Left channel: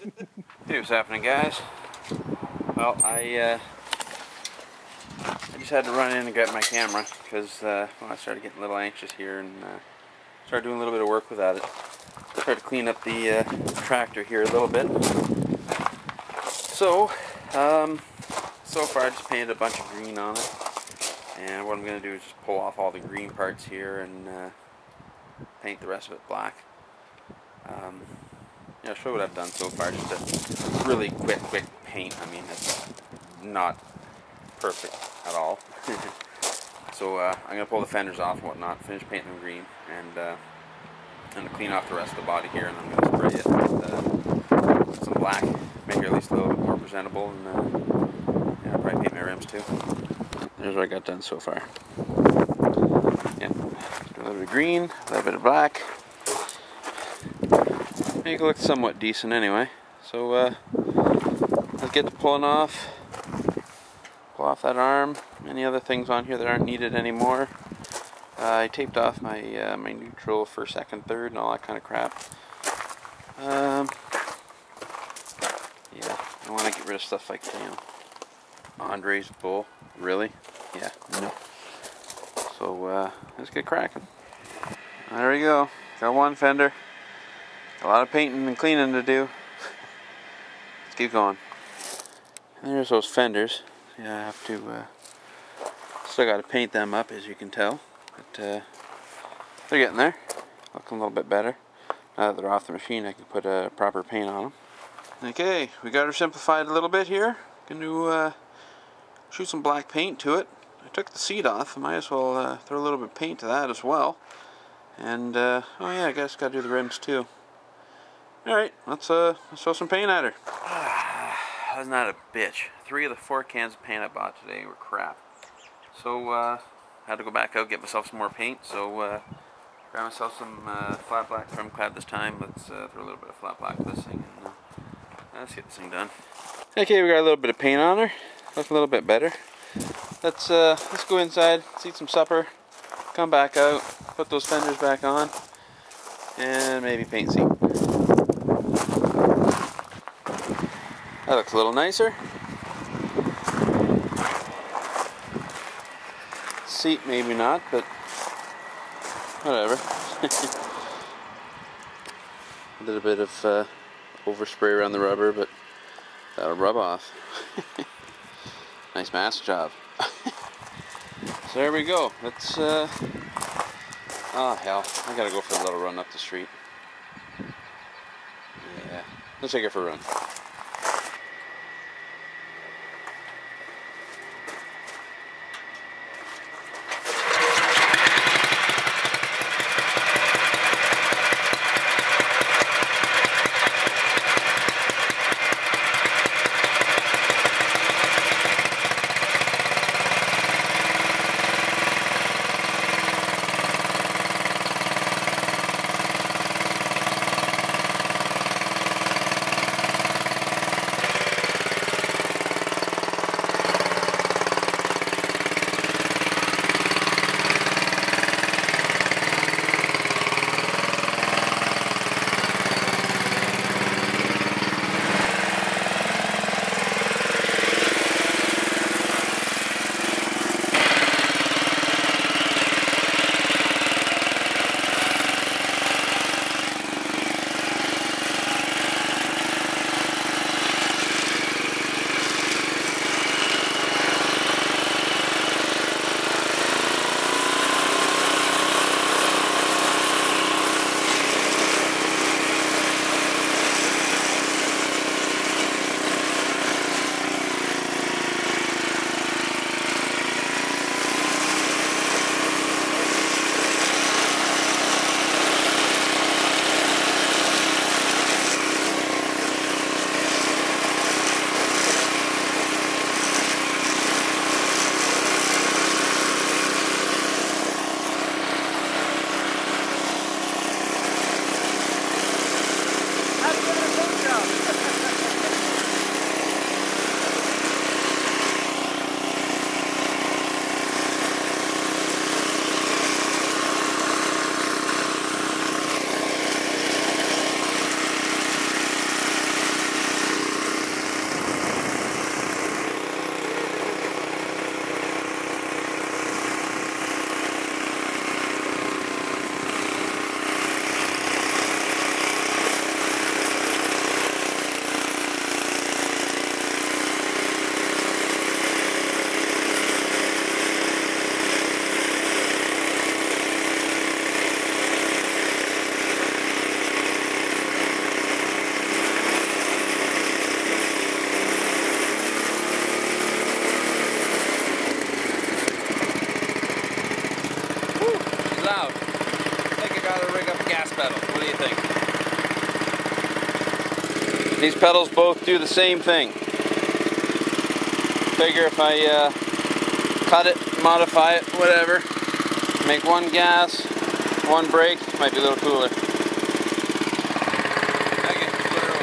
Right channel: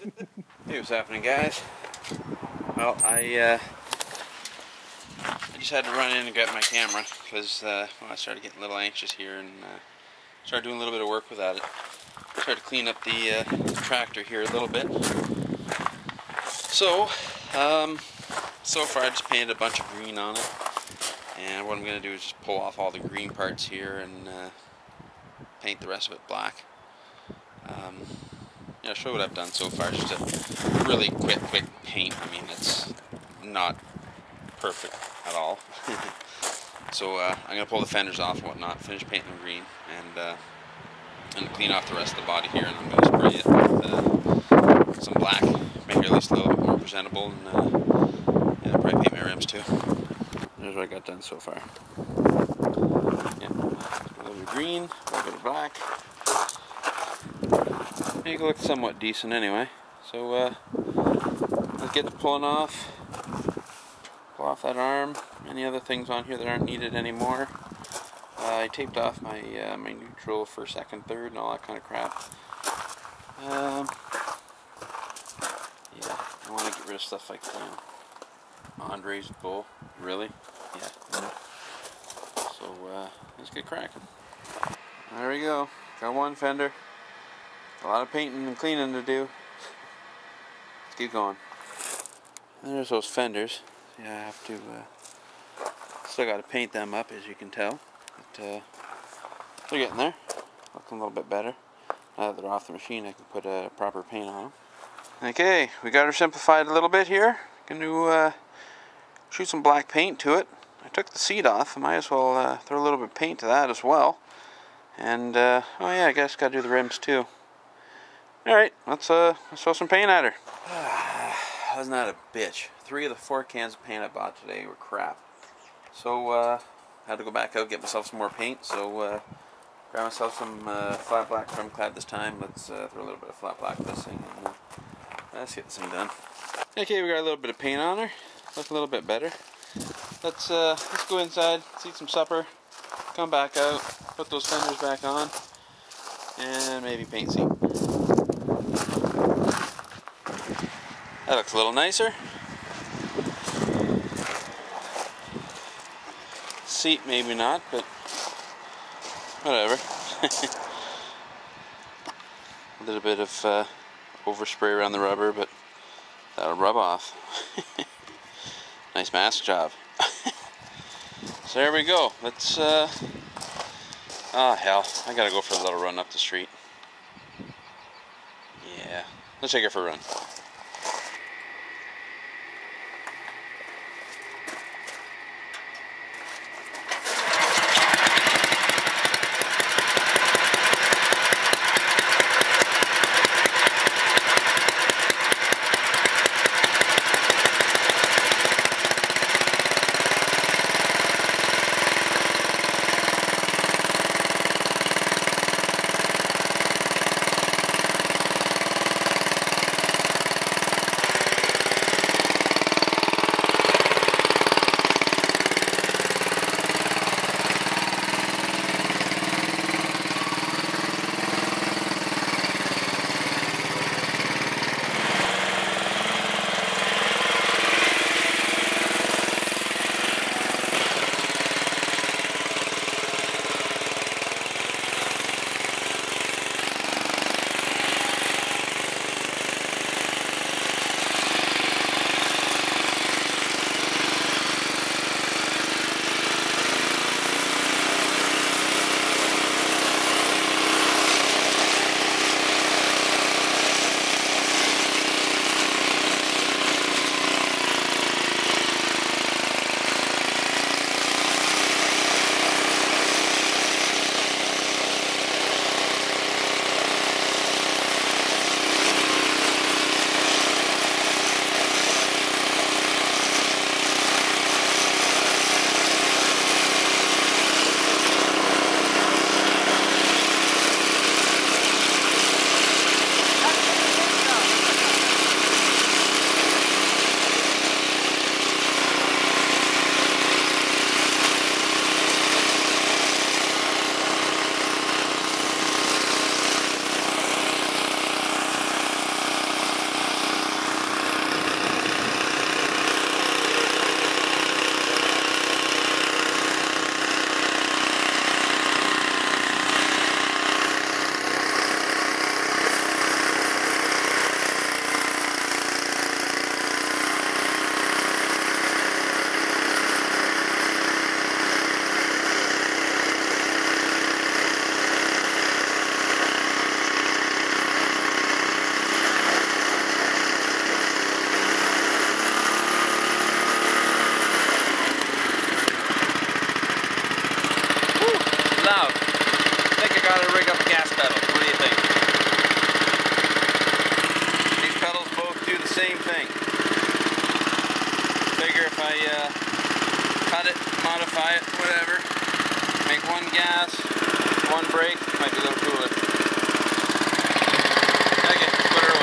Hey, what's happening, guys? Well, I just had to run in and grab my camera because I started getting a little anxious here and started doing a little bit of work without it. Started to clean up the tractor here a little bit. So, so far I just painted a bunch of green on it, and what I'm going to do is just pull off all the green parts here and paint the rest of it black. Yeah, I'll show what I've done so far. Just a really quick paint. I mean, it's not perfect at all. So I'm gonna pull the fenders off and whatnot, finish painting them green, and clean off the rest of the body here, and I'm gonna spray it with some black, make it at least a little bit more presentable, and yeah, I'll probably paint my rims too. There's what I got done so far. Yeah, a little bit of green, a little bit of black. Make it look somewhat decent anyway. So let's get to pulling off. Pull off that arm. Any other things on here that aren't needed anymore. I taped off my my neutral for second, third, and all that kind of crap. Yeah, I want to get rid of stuff like, you know, Andre's bull. Really? Yeah. No. So let's get cracking. There we go. Got one fender. A lot of painting and cleaning to do. Let's keep going. And there's those fenders. Yeah, I have to. Still got to paint them up, as you can tell. But they're getting there. Looking a little bit better. Now that they're off the machine, I can put a proper paint on them. Okay, we got her simplified a little bit here. Going to shoot some black paint to it. I took the seat off. I might as well throw a little bit of paint to that as well. And oh yeah, I guess got to do the rims too. Alright, let's throw some paint at her. Wasn't that a bitch? 3 of the 4 cans of paint I bought today were crap. So, I had to go back out, get myself some more paint. So, grab myself some flat black trim clad this time. Let's throw a little bit of flat black to this thing, and let's get this thing done. Okay, we got a little bit of paint on her. Look a little bit better. Let's go inside, let's eat some supper, come back out, put those fenders back on, and maybe paint seat. That looks a little nicer. Seat maybe not, but whatever. A little bit of overspray around the rubber, but that'll rub off. Nice mask job. So there we go. Let's oh hell, I gotta go for a little run up the street. Yeah, let's take her for a run. break up a gas pedal. What do you think? These pedals both do the same thing. Figure if I cut it, modify it, whatever, make one gas, one brake, might be a little cooler. Okay, let's put her away.